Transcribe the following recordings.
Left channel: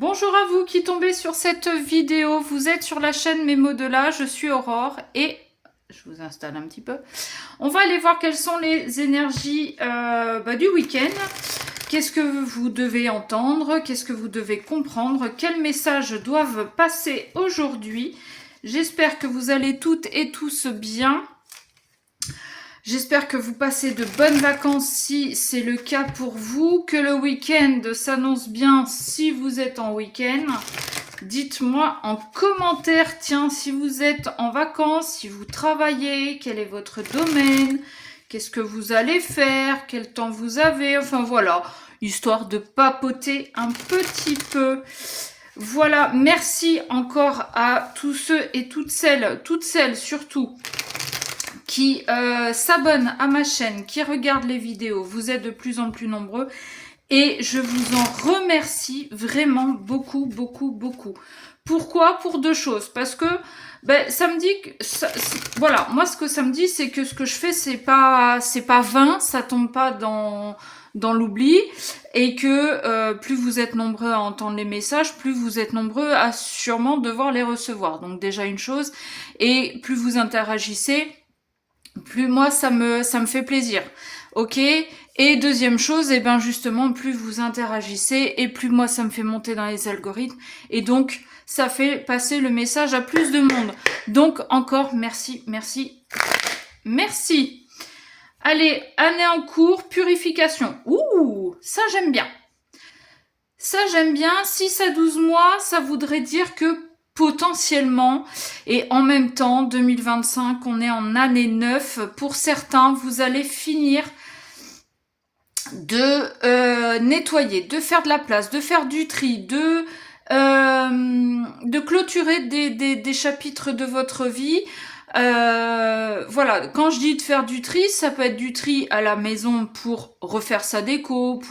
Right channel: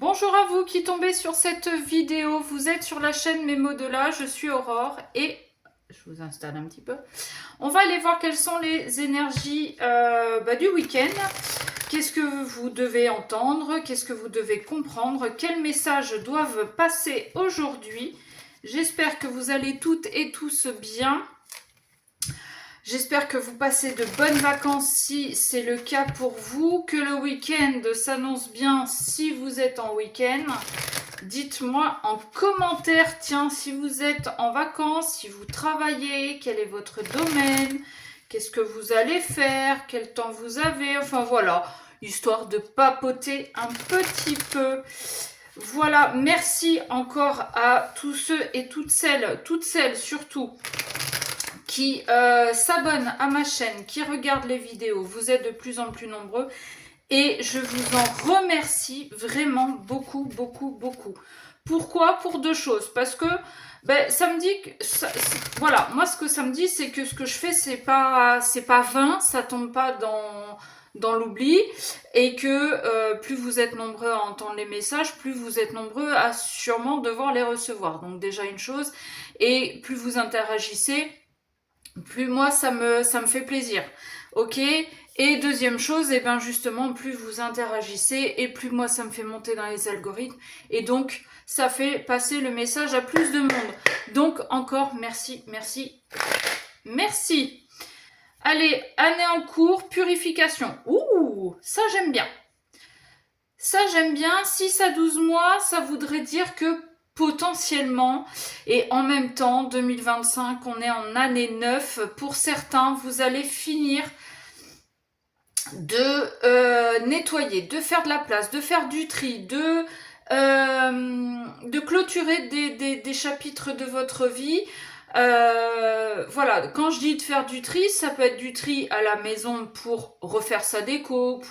Bonjour à vous qui tombez sur cette vidéo. Vous êtes sur la chaîne Mes mots de là. Je suis Aurore et je vous installe un petit peu. On va aller voir quelles sont les énergies du week-end. Qu'est-ce que vous devez entendre? Qu'est-ce que vous devez comprendre? Quels messages doivent passer aujourd'hui? J'espère que vous allez toutes et tous bien. J'espère que vous passez de bonnes vacances si c'est le cas pour vous, que le week-end s'annonce bien si vous êtes en week-end. Dites-moi en commentaire, tiens, si vous êtes en vacances, si vous travaillez, quel est votre domaine, qu'est-ce que vous allez faire, quel temps vous avez, enfin voilà, histoire de papoter un petit peu. Voilà, merci encore à tous ceux et toutes celles surtout, qui s'abonnent à ma chaîne, qui regardent les vidéos. Vous êtes de plus en plus nombreux et je vous en remercie vraiment beaucoup, beaucoup, beaucoup. Pourquoi? Pour deux choses. Parce que ça me dit que voilà, moi ce que ça me dit, c'est que ce que je fais, c'est pas vain, ça tombe pas dans l'oubli, et que plus vous êtes nombreux à entendre les messages, plus vous êtes nombreux à sûrement devoir les recevoir. Donc déjà une chose, et plus vous interagissez, plus moi ça me fait plaisir. Ok. Et deuxième chose, et ben justement, plus vous interagissez et plus moi ça me fait monter dans les algorithmes, et donc ça fait passer le message à plus de monde. Donc encore merci, merci, merci. Allez, année en cours, purification. Ouh, ça j'aime bien. Ça j'aime bien. 6 à 12 mois, ça voudrait dire que potentiellement, et en même temps, 2025, on est en année 9. Pour certains, vous allez finir de nettoyer, de faire de la place, de faire du tri, de clôturer des chapitres de votre vie. Voilà, quand je dis de faire du tri, ça peut être du tri à la maison pour refaire sa déco,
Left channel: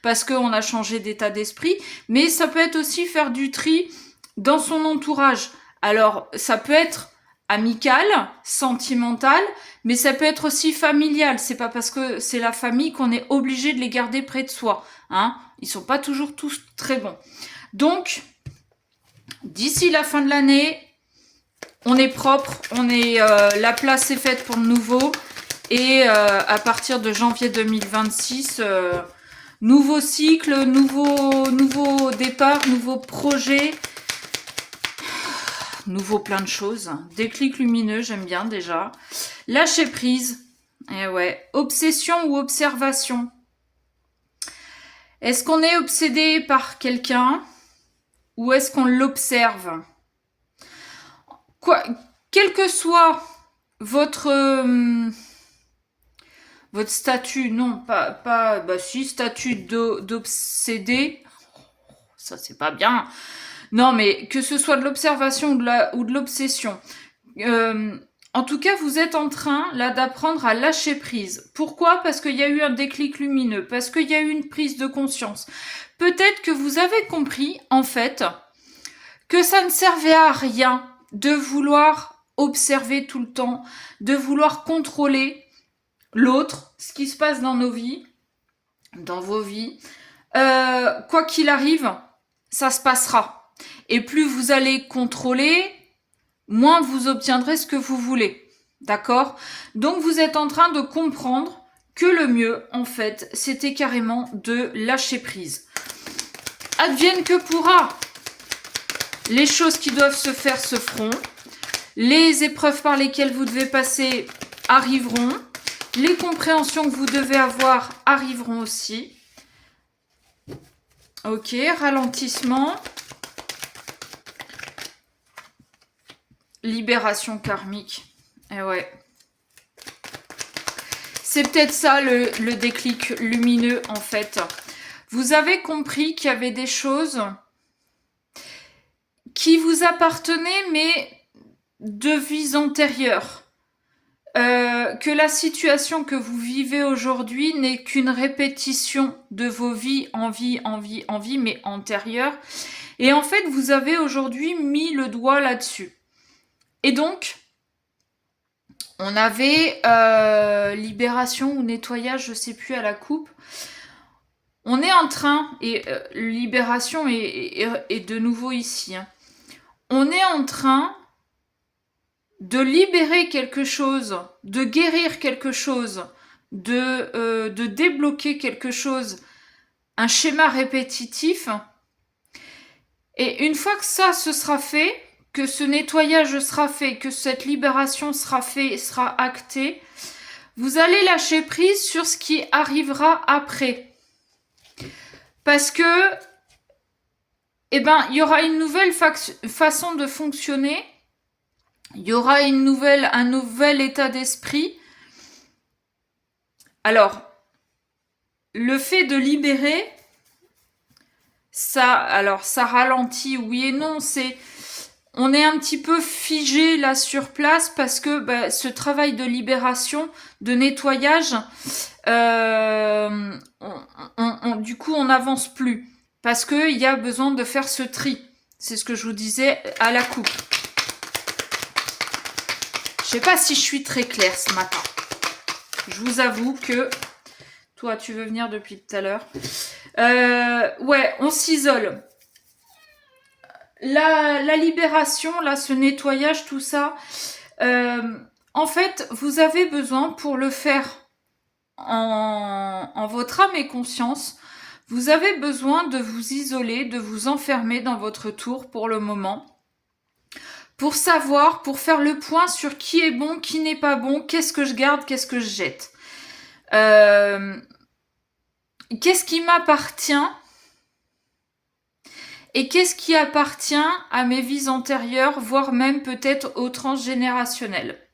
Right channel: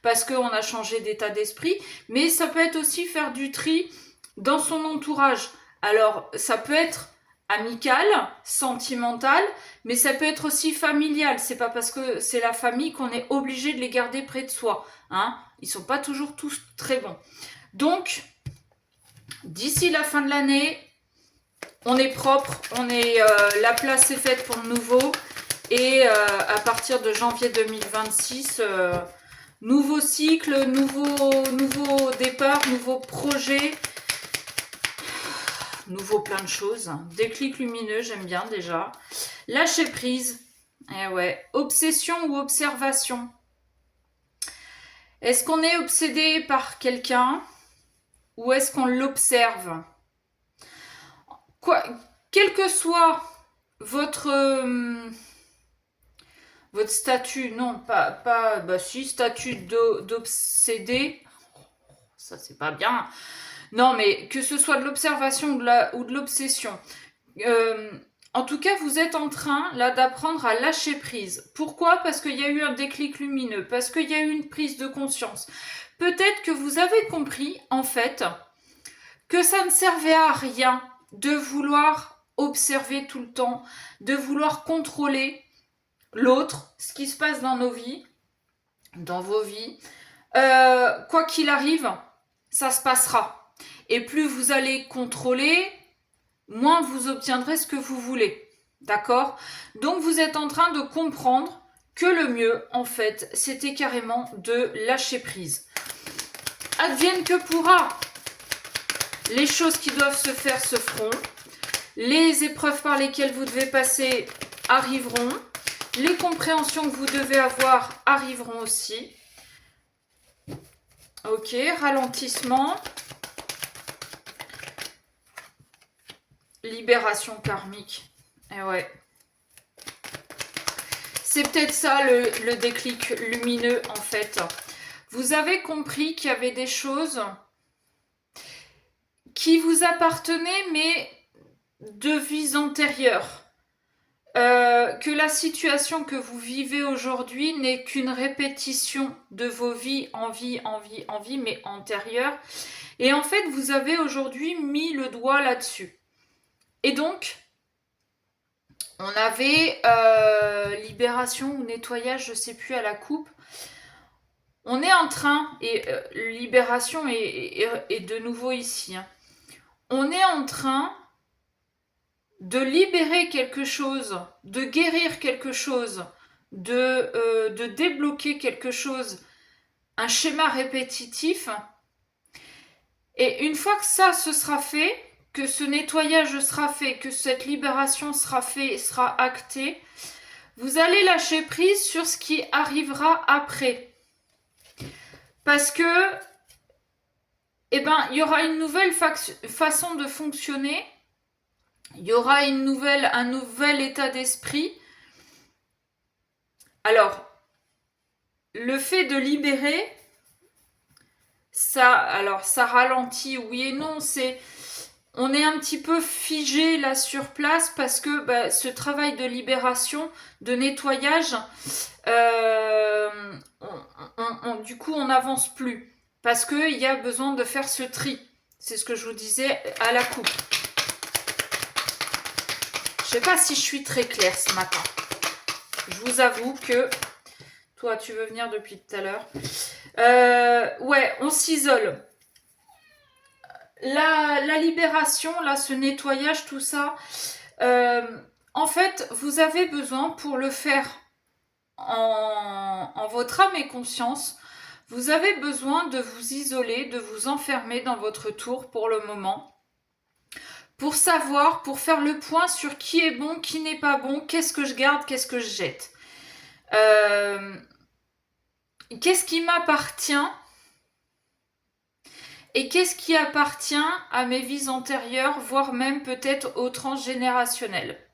parce qu'on a changé d'état d'esprit, mais ça peut être aussi faire du tri dans son entourage. Alors, ça peut être amical, sentimental, mais ça peut être aussi familial. C'est pas parce que c'est la famille qu'on est obligé de les garder près de soi. Hein. Ils sont pas toujours tous très bons. Donc, d'ici la fin de l'année, on est propre, la place est faite pour le nouveau. Et à partir de janvier 2026, nouveau cycle, nouveau départ, nouveau projet, nouveau plein de choses. Déclic lumineux, j'aime bien déjà. Lâcher prise. Eh ouais. Obsession ou observation. Est-ce qu'on est obsédé par quelqu'un ou est-ce qu'on l'observe? Quoi, quel que soit votre statut, non, pas si, statut d'obsédé, ça c'est pas bien. Non, mais que ce soit de l'observation ou de l'obsession. En tout cas, vous êtes en train, là, d'apprendre à lâcher prise. Pourquoi? Parce qu'il y a eu un déclic lumineux, parce qu'il y a eu une prise de conscience. Peut-être que vous avez compris, en fait, que ça ne servait à rien de vouloir observer tout le temps, de vouloir contrôler l'autre, ce qui se passe dans nos vies, dans vos vies. Quoi qu'il arrive, ça se passera. Et plus vous allez contrôler, moins vous obtiendrez ce que vous voulez. D'accord? Donc vous êtes en train de comprendre que le mieux, en fait, c'était carrément de lâcher prise. Advienne que pourra. Les choses qui doivent se faire se feront. Les épreuves par lesquelles vous devez passer arriveront. Les compréhensions que vous devez avoir arriveront aussi. Ok, ralentissement. Libération karmique. Et ouais. C'est peut-être ça le déclic lumineux en fait. Vous avez compris qu'il y avait des choses qui vous appartenaient mais de vies antérieures. Que la situation que vous vivez aujourd'hui n'est qu'une répétition de vos vies en vie, mais antérieures. Et en fait, vous avez aujourd'hui mis le doigt là-dessus. Et donc, on avait libération ou nettoyage, je sais plus, à la coupe. On est en train, et Libération est de nouveau ici, hein. On est en train de libérer quelque chose, de guérir quelque chose, de débloquer quelque chose, un schéma répétitif. Et une fois que ça se sera fait, que ce nettoyage sera fait, que cette libération sera faite, sera actée, vous allez lâcher prise sur ce qui arrivera après. Parce que, eh ben, il y aura une nouvelle façon de fonctionner, il y aura un nouvel état d'esprit. Alors, le fait de libérer, ça ralentit, oui et non, on est un petit peu figé là sur place parce que ce travail de libération, de nettoyage, du coup on n'avance plus parce qu'il y a besoin de faire ce tri. C'est ce que je vous disais à la coupe. Je sais pas si je suis très claire ce matin. Je vous avoue que toi tu veux venir depuis tout à l'heure. Ouais, on s'isole. La libération, là, ce nettoyage, tout ça, en fait, vous avez besoin pour le faire en votre âme et conscience, vous avez besoin de vous isoler, de vous enfermer dans votre tour pour le moment, pour savoir, pour faire le point sur qui est bon, qui n'est pas bon, qu'est-ce que je garde, qu'est-ce que je jette. Qu'est-ce qui m'appartient et qu'est-ce qui appartient à mes vies antérieures, voire même peut-être au transgénérationnel.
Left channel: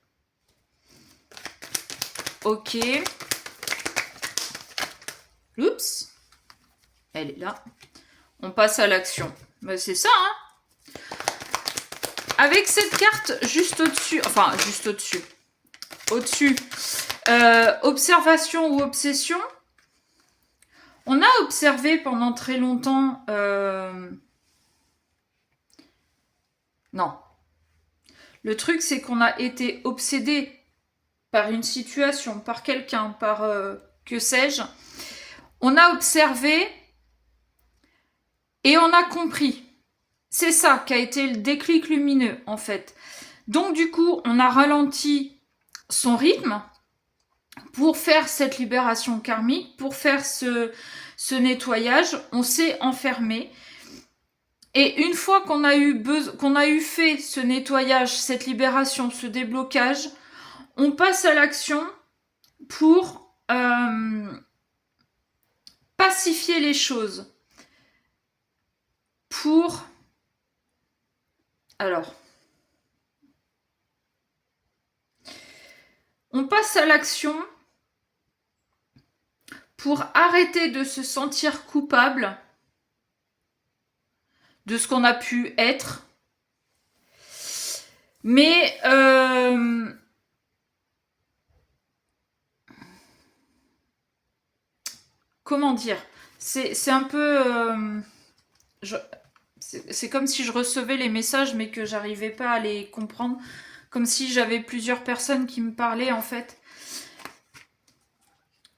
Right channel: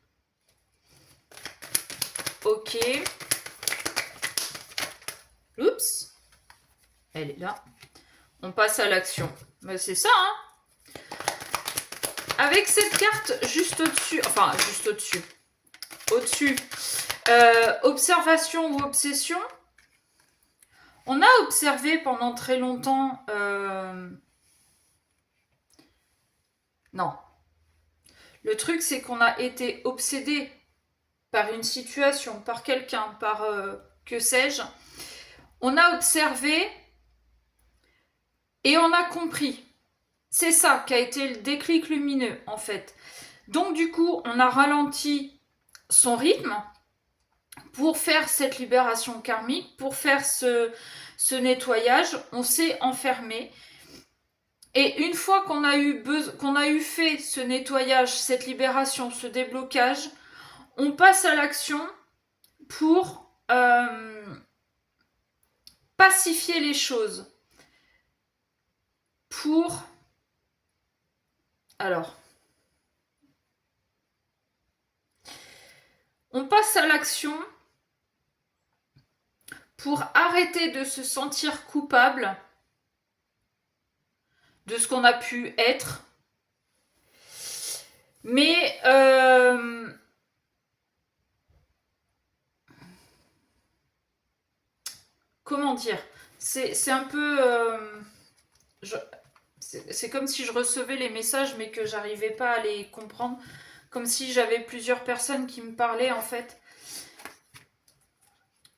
Ok. Oups. Elle est là. On passe à l'action. Ben, c'est ça, hein. Avec cette carte juste au-dessus, enfin juste au-dessus, observation ou obsession, on a observé pendant très longtemps... Non. Le truc, c'est qu'on a été obsédé par une situation, par quelqu'un, par que sais-je. On a observé et on a compris. C'est ça qui a été le déclic lumineux, en fait. Donc, du coup, on a ralenti son rythme pour faire cette libération karmique, pour faire ce nettoyage. On s'est enfermé. Et une fois qu'on a eu fait ce nettoyage, cette libération, ce déblocage, on passe à l'action pour pacifier les choses. On passe à l'action pour arrêter de se sentir coupable de ce qu'on a pu être. Mais comment dire, c'est un peu... c'est comme si je recevais les messages mais que j'arrivais pas à les comprendre. Comme si j'avais plusieurs personnes qui me parlaient en fait.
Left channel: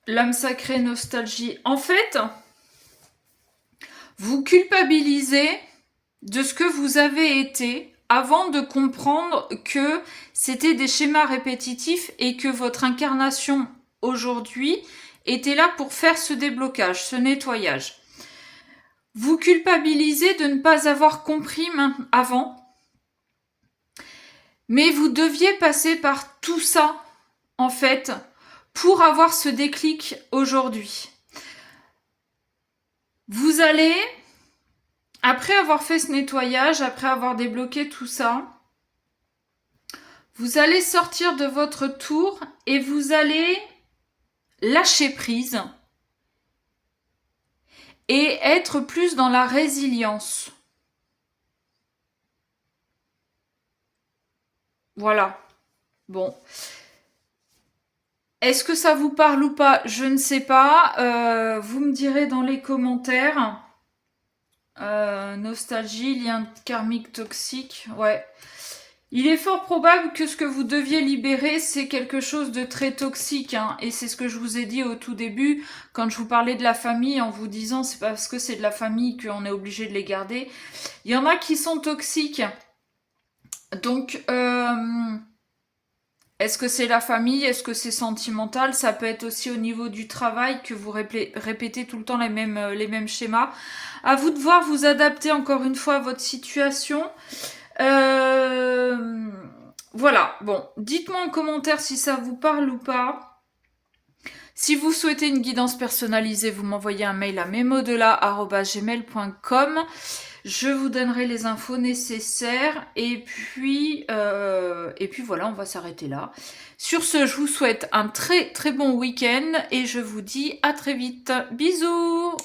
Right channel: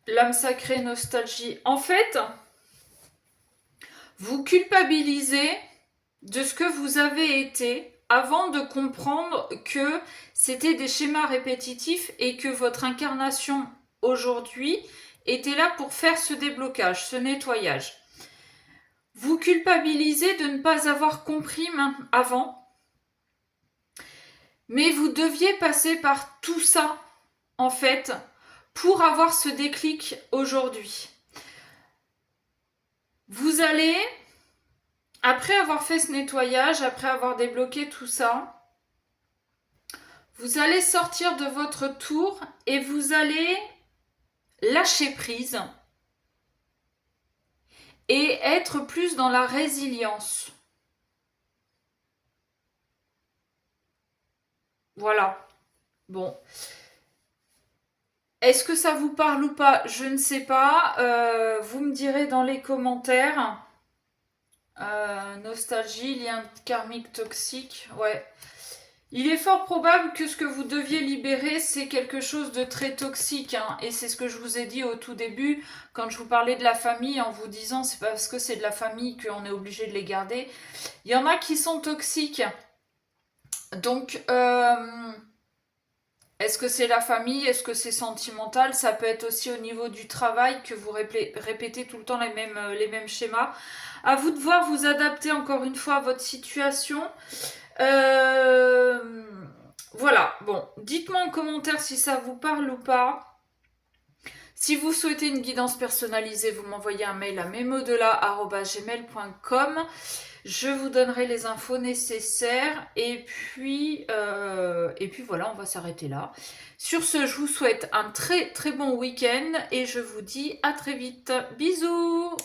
L'âme sacrée, nostalgie. En fait, vous culpabilisez de ce que vous avez été avant de comprendre que c'était des schémas répétitifs et que votre incarnation aujourd'hui était là pour faire ce déblocage, ce nettoyage. Vous culpabilisez de ne pas avoir compris avant, mais vous deviez passer par tout ça, en fait, pour avoir ce déclic aujourd'hui. Vous allez, après avoir fait ce nettoyage, après avoir débloqué tout ça, vous allez sortir de votre tour et vous allez lâcher prise et être plus dans la résilience. Voilà. Bon. Est-ce que ça vous parle ou pas? Je ne sais pas. Vous me direz dans les commentaires. Nostalgie, lien karmique toxique. Ouais. Il est fort probable que ce que vous deviez libérer, c'est quelque chose de très toxique, hein. Et c'est ce que je vous ai dit au tout début, quand je vous parlais de la famille, en vous disant c'est pas parce que c'est de la famille qu'on est obligé de les garder. Il y en a qui sont toxiques. Donc, est-ce que c'est la famille? Est-ce que c'est sentimental? Ça peut être aussi au niveau du travail que vous répétez tout le temps les mêmes schémas. À vous de voir, vous adapter encore une fois à votre situation. Euh, voilà, bon, dites-moi en commentaire si ça vous parle ou pas. Si vous souhaitez une guidance personnalisée, vous m'envoyez un mail à memodela@gmail.com. Je vous donnerai les infos nécessaires et puis voilà, on va s'arrêter là. Sur ce, je vous souhaite un très très bon week-end et je vous dis à très vite. Bisous!